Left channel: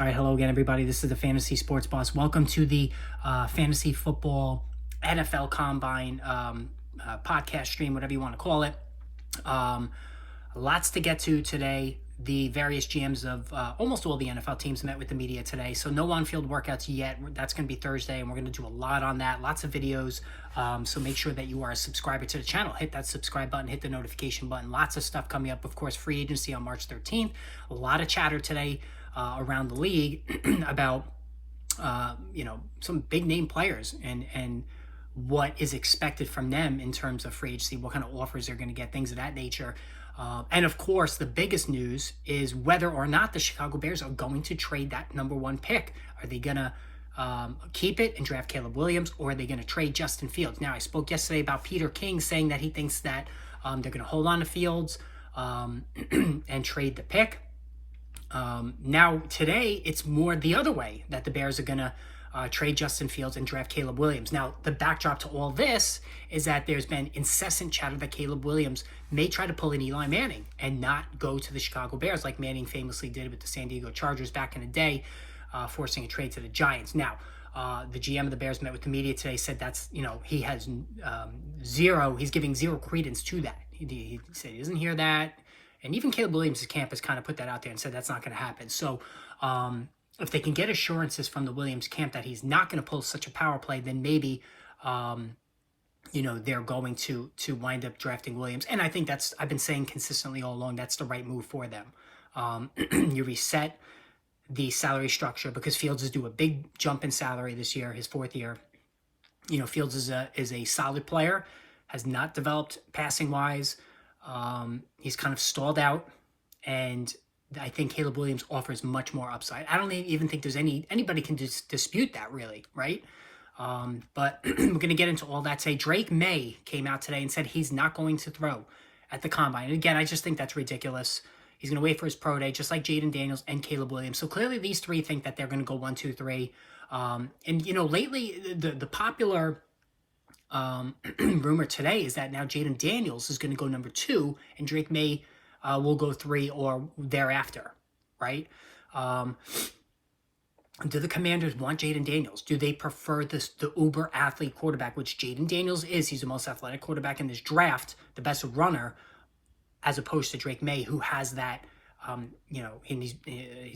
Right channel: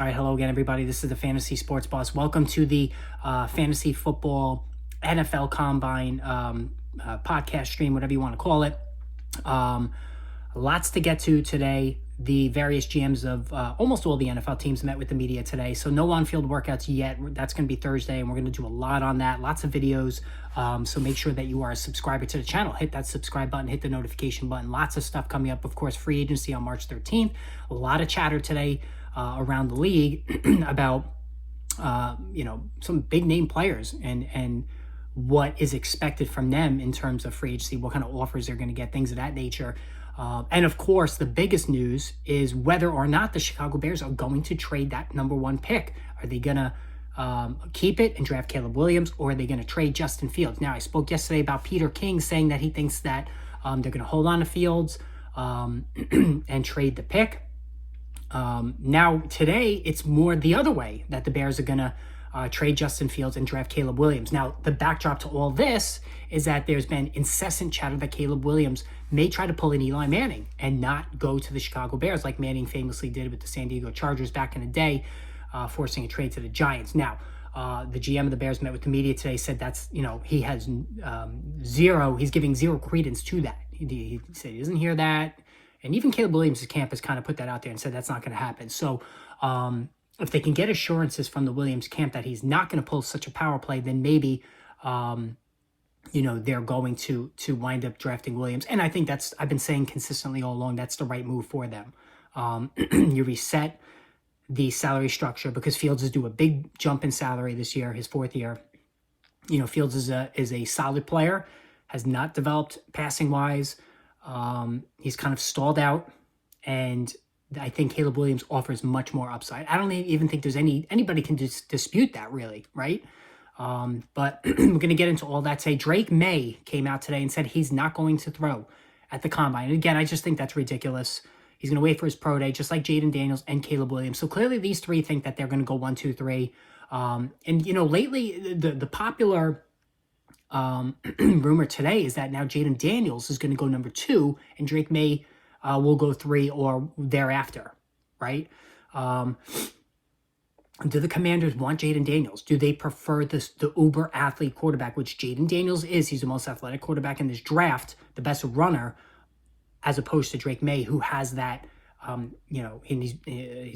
All right, hello again, everybody. This is the Fantasy Sports Boss. Welcome to the Fantasy Football NFL Combine podcast stream, whatever you want to call it. Lots to get to today. The various GMs of almost all the NFL teams met with the media today. So no on-field workouts yet. That's going to be Thursday, and we're going to do a lot on that. Lots of videos. So make sure that you are a subscriber to the channel. Hit that subscribe button. Hit the notification button. Lots of stuff coming up. Of course, free agency on March 13th. A lot of chatter today around the league about some big name players and what is expected from them in terms of free agency, what kind of offers they're going to get, things of that nature. And of course, the biggest news is whether or not the Chicago Bears are going to trade that number one pick. Are they going to keep it and draft Caleb Williams, or are they going to trade Justin Fields? Now, I spoke yesterday about Peter King saying that he thinks that they're going to hold on to Fields and trade the pick. Now, today, it's more the other way, that the Bears are going to trade Justin Fields and draft Caleb Williams. Now, the backdrop to all this is that there's been incessant chatter that Caleb Williams may try to pull an Eli Manning and not go to the Chicago Bears like Manning famously did with the San Diego Chargers back in the day, forcing a trade to the Giants. Now, the GM of the Bears met with the media today, said that's, he has he's giving zero credence to that. He said he doesn't hear that. And even Caleb Williams' camp has kind of put that out there and said that's not going to happen. So if they can get assurances from the Williams camp that he's not going to pull such a power play, then maybe, they're going to wind up drafting Williams. And I think I've been saying consistently all along, that's the right move for them. You reset the salary structure because Fields is due a big jump in salary this year, his fourth year. Fields is a solid player, has not developed passing wise. He's kind of stalled out, and I think Caleb Williams offers much more upside. I don't even think there's anybody can dispute that, really, right? But we're going to get into all that today. Drake May came out today and said he's not going to throw at the Combine. And again, I just think that's ridiculous. He's going to wait for his pro day, just like Jaden Daniels and Caleb Williams. So clearly these three think that they're going to go 1, 2, 3. Lately the popular rumor today is that now Jaden Daniels is going to go number 2 and Drake May will go 3 or thereafter, right? Do the Commanders want Jaden Daniels? Do they prefer the uber athlete quarterback, which Jaden Daniels is? He's the most athletic quarterback in this draft, the best runner, as opposed to Drake May, who has that, and he's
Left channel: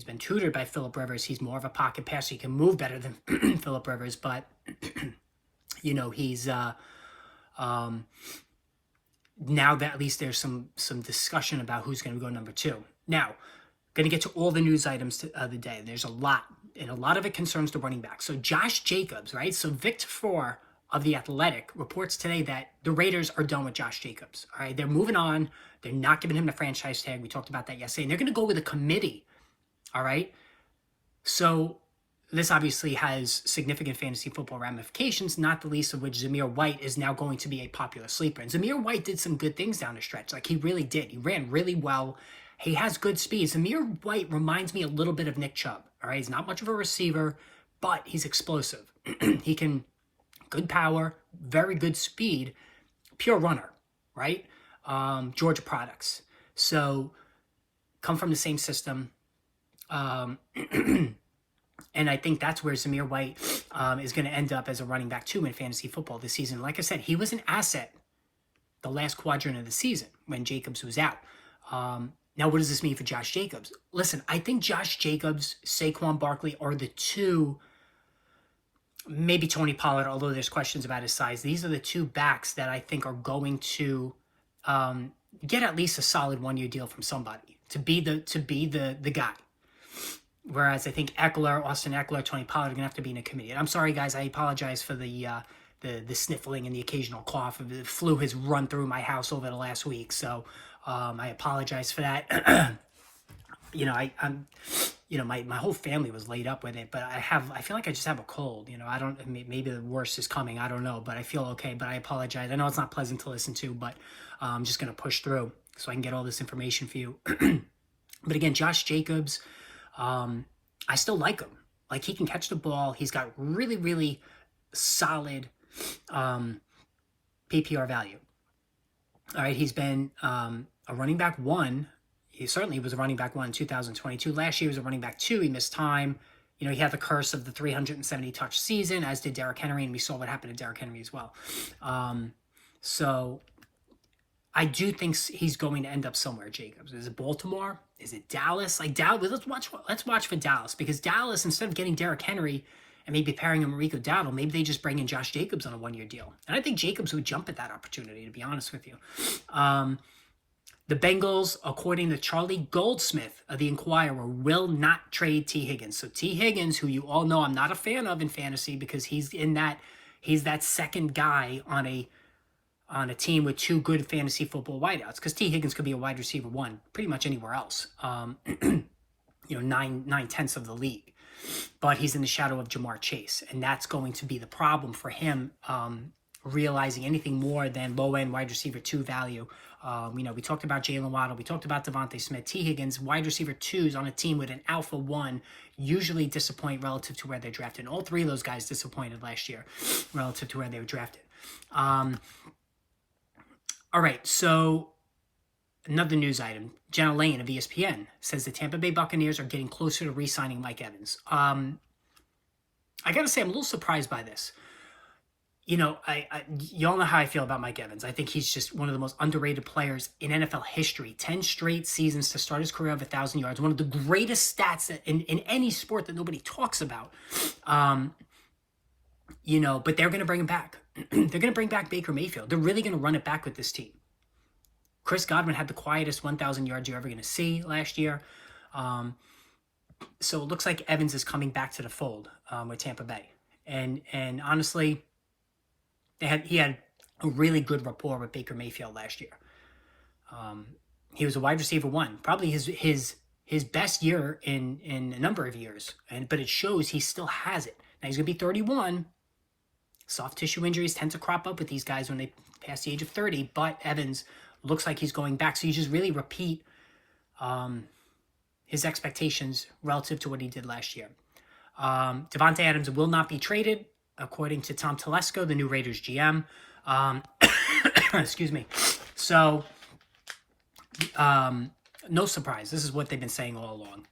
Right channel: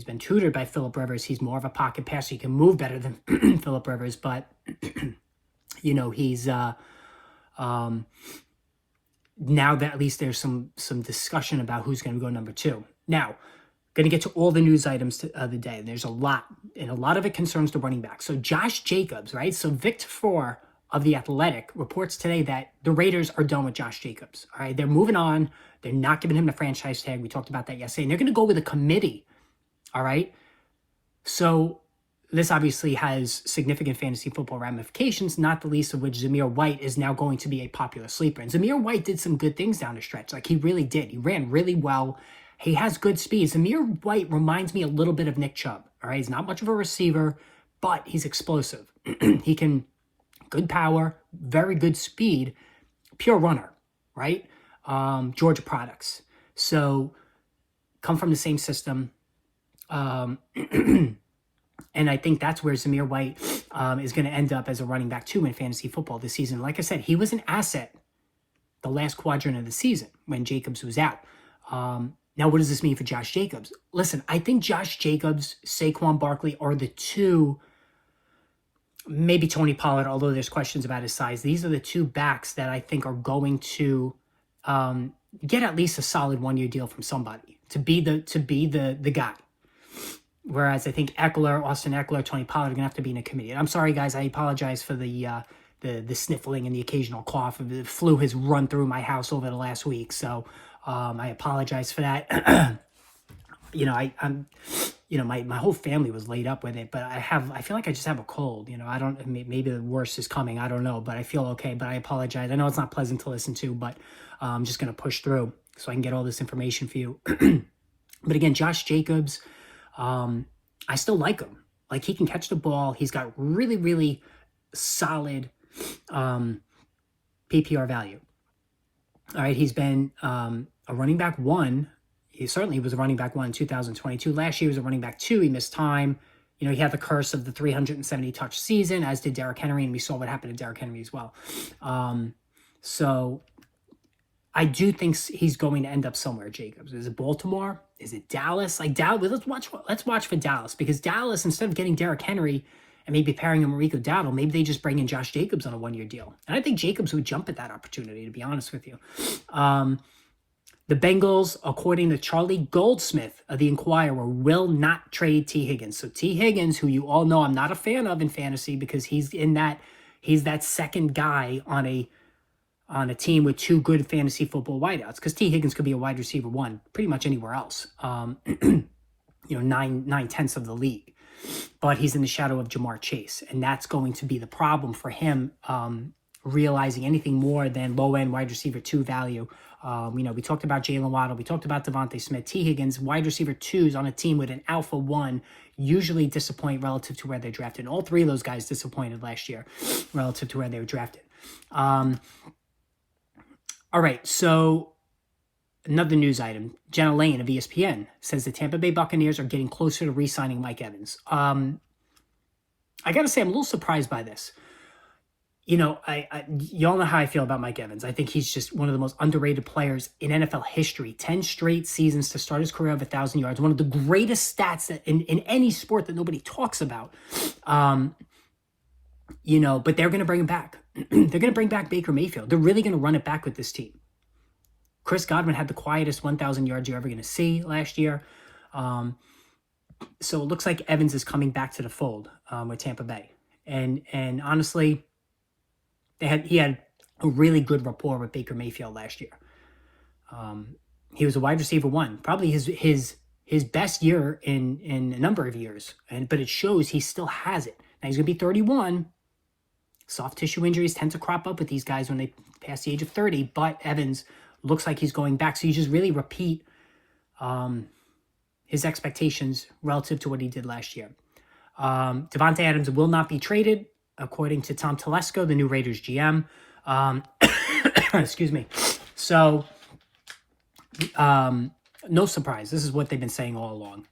been tutored by Phillip Rivers. He's more of a pocket passer. He can move better than Phillip Rivers, but he's now that at least there's some discussion about who's going to go number 2. Now, going to get to all the news items of the day. There's a lot, and a lot of it concerns the running back. So Josh Jacobs, right? So Victor Four of The Athletic reports today that the Raiders are done with Josh Jacobs. All right, they're moving on. They're not giving him the franchise tag. We talked about that yesterday. And they're going to go with a committee. All right. So this obviously has significant fantasy football ramifications, not the least of which Zamir White is now going to be a popular sleeper. And Zamir White did some good things down the stretch. Like, he really did. He ran really well. He has good speed. Zamir White reminds me a little bit of Nick Chubb. All right. He's not much of a receiver, but he's explosive. He can, good power, very good speed, pure runner, right? Georgia products. So come from the same system. And I think that's where Zamir White is going to end up as a running back too in fantasy football this season. Like I said, he was an asset the last quadrant of the season when Jacobs was out. Now, what does this mean for Josh Jacobs? Listen, I think Josh Jacobs, Saquon Barkley are the two, maybe Tony Pollard, although there's questions about his size. These are the two backs that I think are going to get at least a solid 1-year deal from somebody to be the guy. Whereas I think Austin Eckler, Tony Pollard are going to have to be in a committee. And I'm sorry, guys. I apologize for the sniffling and the occasional cough. The flu has run through my house over the last week. So I apologize for that. My whole family was laid up with it. But I feel like I just have a cold. Maybe the worst is coming. I don't know. But I feel okay. But I apologize. I know it's not pleasant to listen to. But I'm just going to push through so I can get all this information for you. But again, Josh Jacobs, I still like him. Like, he can catch the ball. He's got really, really solid PPR value. All right, he's been a running back 1 He certainly was a running back 1 in 2022. Last year he was a running back 2. He missed time. You know, he had the curse of the 370 touch season, as did Derrick Henry, and we saw what happened to Derrick Henry as well. So I do think he's going to end up somewhere, Jacobs. Is it Baltimore? Is it Dallas? Like Dallas, let's watch for Dallas, because Dallas, instead of getting Derrick Henry and maybe pairing him with Rico Dowdle, maybe they just bring in Josh Jacobs on a 1-year deal. And I think Jacobs would jump at that opportunity, to be honest with you. The Bengals, according to Charlie Goldsmith of the Inquirer, will not trade T. Higgins. So T. Higgins, who you all know I'm not a fan of in fantasy, because he's that second guy on a team with 2 good fantasy football wideouts, because T. Higgins could be a wide receiver 1 pretty much anywhere else. You know, 9/10 of the league. But he's in the shadow of Jamar Chase, and that's going to be the problem for him, realizing anything more than low-end wide receiver 2 value. You know, we talked about Jalen Waddle. We talked about Davante Smith. T. Higgins, wide receiver 2s on a team with an alpha 1, usually disappoint relative to where they're drafted. And all 3 of those guys disappointed last year relative to where they were drafted. All right, so another news item. Jenna Lane of ESPN says the Tampa Bay Buccaneers are getting closer to re-signing Mike Evans. I got to say, I'm a little surprised by this. You know, y'all know how I feel about Mike Evans. I think he's just one of the most underrated players in NFL history. 10 straight seasons to start his career of 1,000 yards. One of the greatest stats in any sport that nobody talks about. You know, but they're going to bring him back. They're going to bring back Baker Mayfield. They're really going to run it back with this team. Chris Godwin had the quietest 1,000 yards you're ever going to see last year. So it looks like Evans is coming back to the fold with Tampa Bay. And honestly, he had a really good rapport with Baker Mayfield last year. He was a wide receiver 1, probably his best year in a number of years. But it shows he still has it. Now he's going to be 31. Soft tissue injuries tend to crop up with these guys when they pass the age of 30. But Evans looks like he's going back. So you just really repeat his expectations relative to what he did last year. Davante Adams will not be traded, according to Tom Telesco, the new Raiders GM. Excuse me. So, no surprise. This is what they've been saying all along.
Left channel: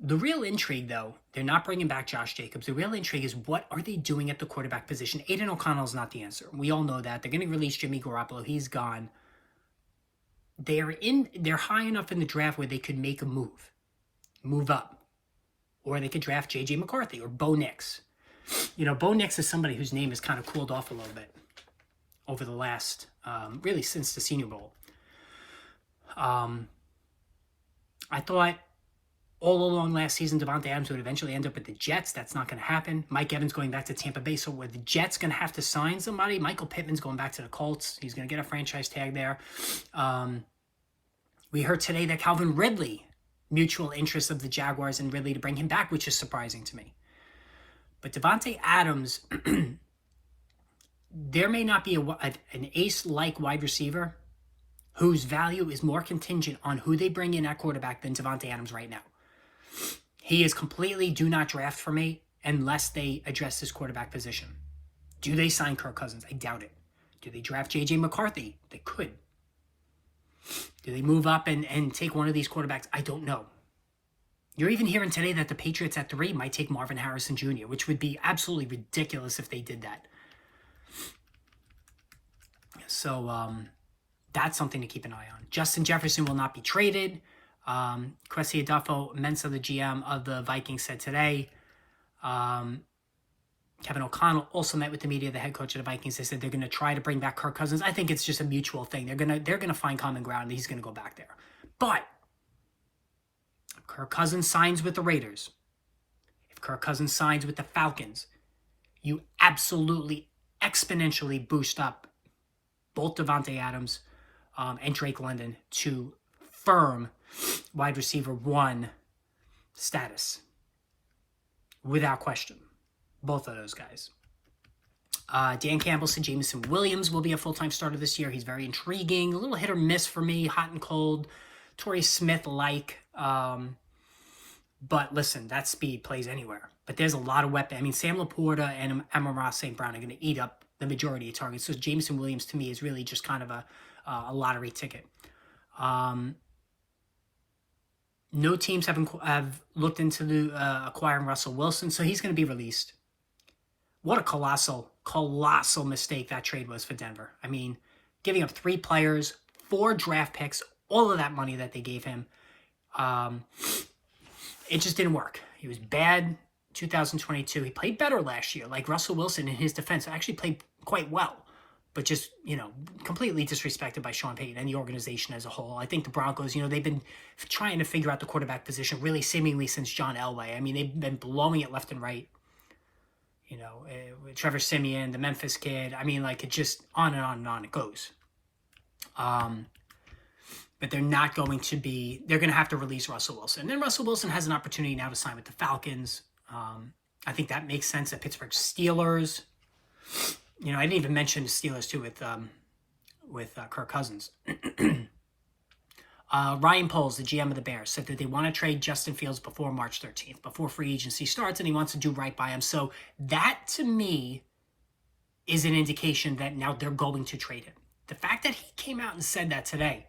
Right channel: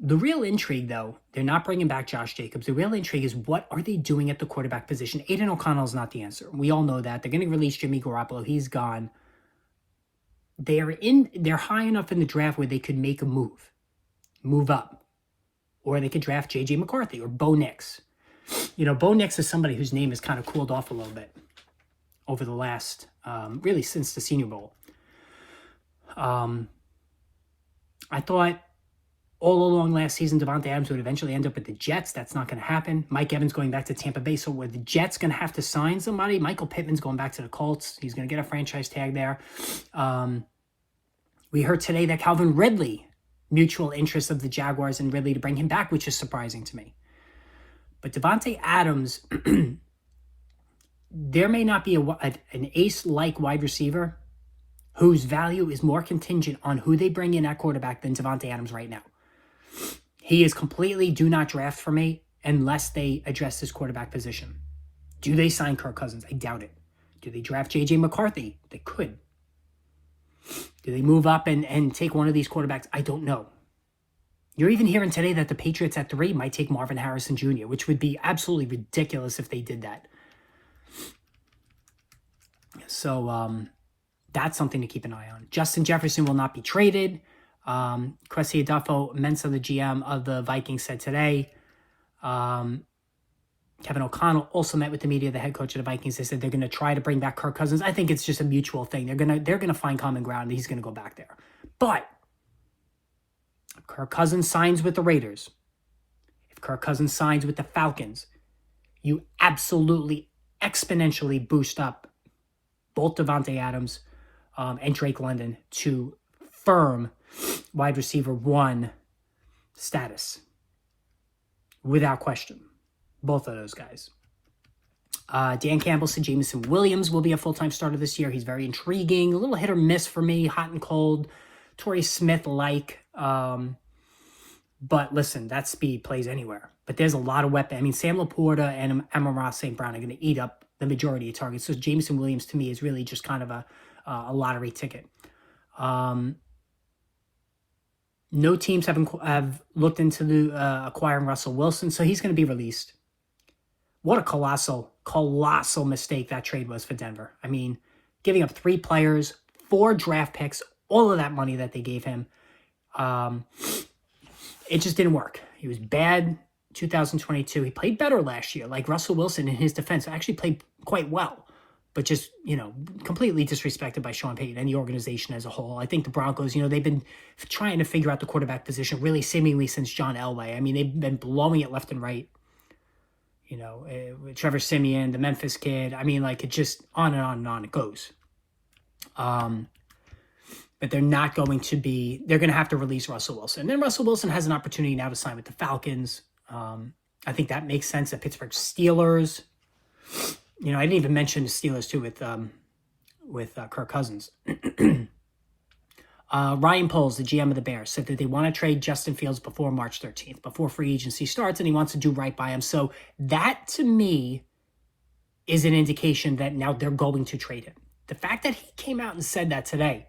The real intrigue, though, they're not bringing back Josh Jacobs. The real intrigue is, what are they doing at the quarterback position? Aiden O'Connell is not the answer. We all know that. They're going to release Jimmy Garoppolo. He's gone. They're high enough in the draft where they could make a move up. Or they could draft J.J. McCarthy or Bo Nix. You know, Bo Nix is somebody whose name has kind of cooled off a little bit over the last, really since the Senior Bowl. I thought all along last season, Davante Adams would eventually end up with the Jets. That's not going to happen. Mike Evans going back to Tampa Bay. So were the Jets going to have to sign somebody? Michael Pittman's going back to the Colts. He's going to get a franchise tag there. We heard today that Calvin Ridley, mutual interest of the Jaguars and Ridley to bring him back, which is surprising to me. But Davante Adams, there may not be an ace-like wide receiver whose value is more contingent on who they bring in at quarterback than Davante Adams right now. He is completely do not draft for me unless they address his quarterback position. Do they sign Kirk Cousins? I doubt it. Do they draft J.J. McCarthy? They could. Do they move up and take one of these quarterbacks? I don't know. You're even hearing today that the Patriots at 3 might take Marvin Harrison Jr., which would be absolutely ridiculous if they did that. So that's something to keep an eye on. Justin Jefferson will not be traded. Cressy Adolfo-Mensah, the GM of the Vikings, said today. Kevin O'Connell also met with the media, the head coach of the Vikings. They said they're going to try to bring back Kirk Cousins. I think it's just a mutual thing. They're gonna find common ground, and he's going to go back there. But if Kirk Cousins signs with the Raiders, if Kirk Cousins signs with the Falcons, you absolutely exponentially boost up both Davante Adams and Drake London to firm wide receiver 1 status. Without question. Both of those guys. Dan Campbell said Jameson Williams will be a full-time starter this year. He's very intriguing. A little hit or miss for me. Hot and cold. Torrey Smith-like. But listen, that speed plays anywhere. But there's a lot of weapons. I mean, Sam Laporta and Amon-Ra St. Brown are going to eat up the majority of targets. So Jameson Williams, to me, is really just kind of a lottery ticket. No teams have looked into the acquiring Russell Wilson, so he's going to be released. What a colossal mistake that trade was for Denver. I mean, giving up 3 players, 4 draft picks, all of that money that they gave him. It just didn't work. He was bad 2022. He played better last year. Like Russell Wilson in his defense actually played quite well, but just, completely disrespected by Sean Payton and the organization as a whole. I think the Broncos, they've been trying to figure out the quarterback position really seemingly since John Elway. I mean, they've been blowing it left and right. Trevor Siemian, the Memphis kid. I mean, like, it just on and on and on it goes. But they're not going to be, they're going to have to release Russell Wilson. And then Russell Wilson has an opportunity now to sign with the Falcons. I think that makes sense. The Pittsburgh Steelers. I didn't even mention the Steelers too with Kirk Cousins. Ryan Poles, the GM of the Bears, said that they want to trade Justin Fields before March 13th, before free agency starts, and he wants to do right by him. So that, to me, is an indication that now they're going to trade him. The fact that he came out and said that today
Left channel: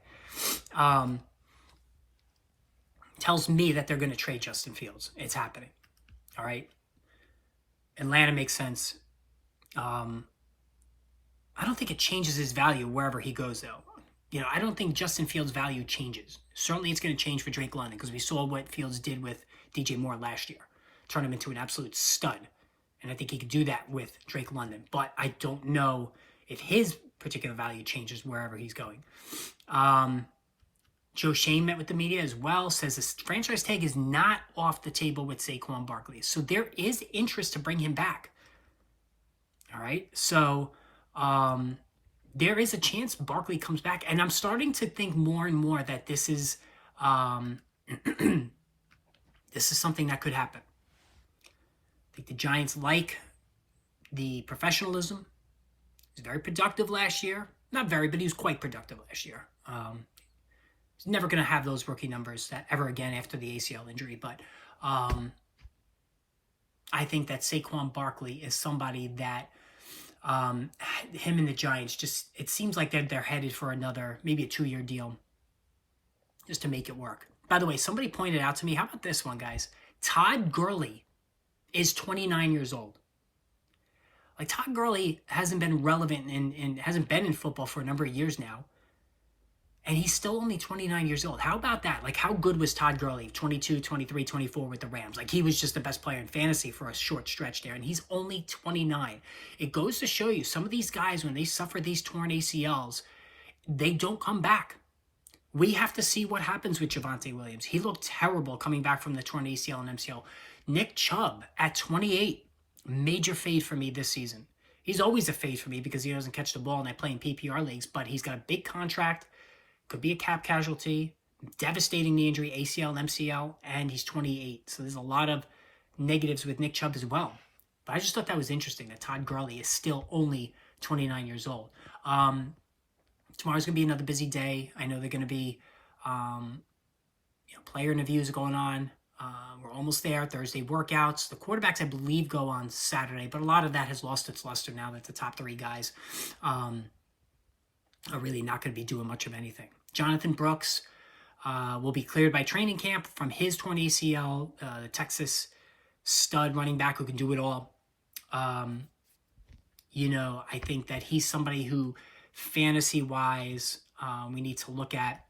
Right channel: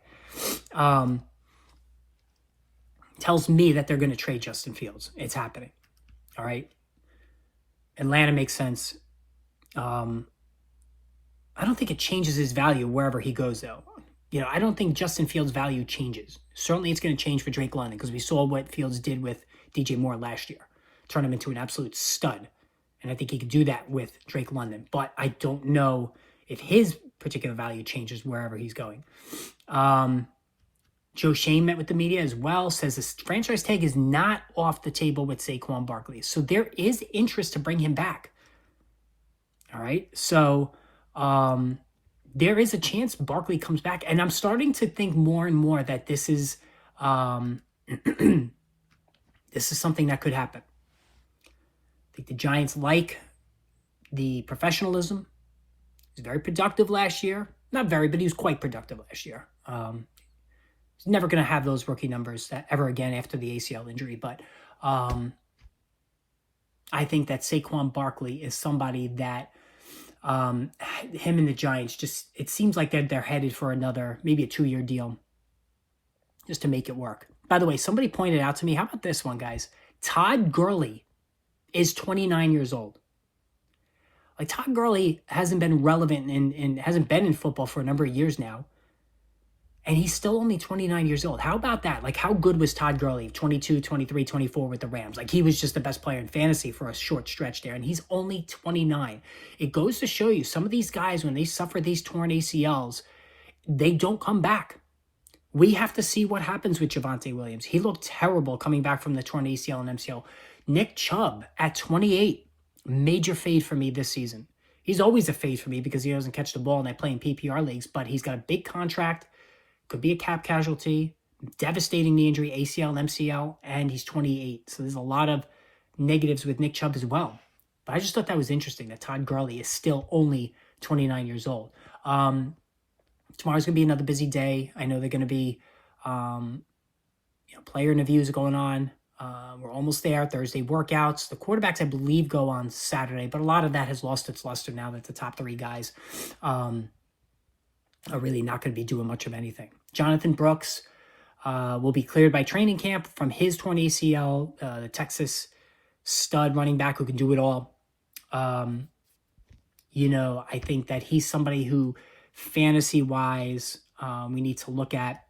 tells me that they're going to trade Justin Fields. It's happening. All right? Atlanta makes sense. I don't think it changes his value wherever he goes, though. I don't think Justin Fields' value changes. Certainly it's going to change for Drake London because we saw what Fields did with DJ Moore last year. Turn him into an absolute stud. And I think he could do that with Drake London. But I don't know if his particular value changes wherever he's going. Joe Shane met with the media as well, says this franchise tag is not off the table with Saquon Barkley. So there is interest to bring him back. All right? So there is a chance Barkley comes back. And I'm starting to think more and more that this is this is something that could happen. I think the Giants like the professionalism. He was very productive last year. Not very, but he was quite productive last year. He's never going to have those rookie numbers ever again after the ACL injury. But I think that Saquon Barkley is somebody that him and the Giants just, it seems like they're headed for another, maybe a 2-year deal just to make it work. By the way, somebody pointed out to me, how about this one, guys? Todd Gurley is 29 years old. Like, Todd Gurley hasn't been relevant and hasn't been in football for a number of years now. And he's still only 29 years old. How about that? Like, how good was Todd Gurley? 22, 23, 24 with the Rams. Like, he was just the best player in fantasy for a short stretch there. And he's only 29. It goes to show you, some of these guys, when they suffer these torn ACLs, they don't come back. We have to see what happens with Javonte Williams. He looked terrible coming back from the torn ACL and MCL. Nick Chubb at 28, major fade for me this season. He's always a fade for me because he doesn't catch the ball and I play in PPR leagues, but he's got a big contract. Could be a cap casualty, devastating knee injury, ACL and MCL, and he's 28. So there's a lot of negatives with Nick Chubb as well. But I just thought that was interesting that Todd Gurley is still only 29 years old. Tomorrow's going to be another busy day. I know they're going to be player interviews going on. We're almost there. Thursday workouts. The quarterbacks, I believe, go on Saturday, but a lot of that has lost its luster now that the top 3 guys are really not going to be doing much of anything. Jonathan Brooks will be cleared by training camp from his torn ACL, the Texas stud running back who can do it all. I think that he's somebody who, fantasy-wise, we need to look at,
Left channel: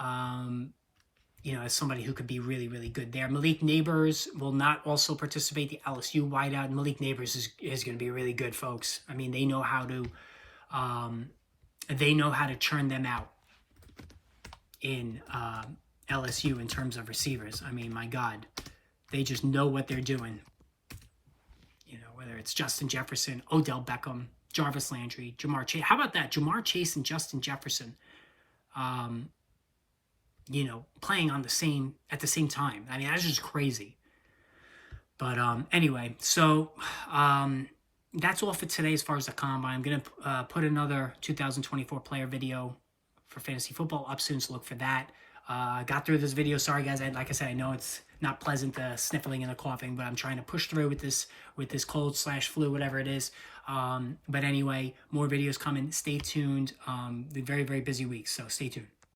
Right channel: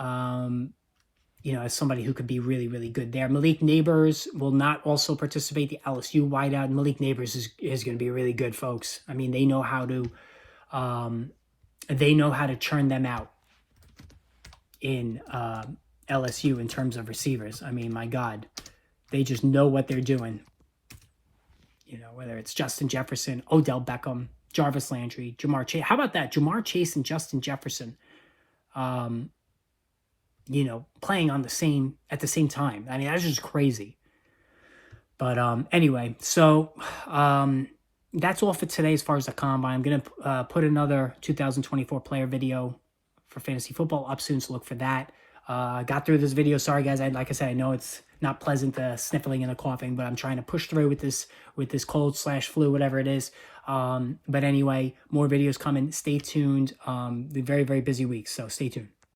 as somebody who could be really, really good there. Malik Neighbors will not also participate, the LSU wideout. Malik Neighbors is going to be really good, folks. I mean, they know how to churn them out in LSU in terms of receivers. I mean, my God, they just know what they're doing. Whether it's Justin Jefferson, Odell Beckham, Jarvis Landry, Jamar Chase. How about that? Jamar Chase and Justin Jefferson, playing at the same time. I mean, that's just crazy. But anyway, so that's all for today as far as the combine. I'm going to put another 2024 player video for fantasy football up soon, so look for that. Got through this video. Sorry, guys. Like I said, I know it's not pleasant, the sniffling and the coughing, but I'm trying to push through with this cold/flu, whatever it is. But anyway, more videos coming. Stay tuned. The very, very busy week, so stay tuned.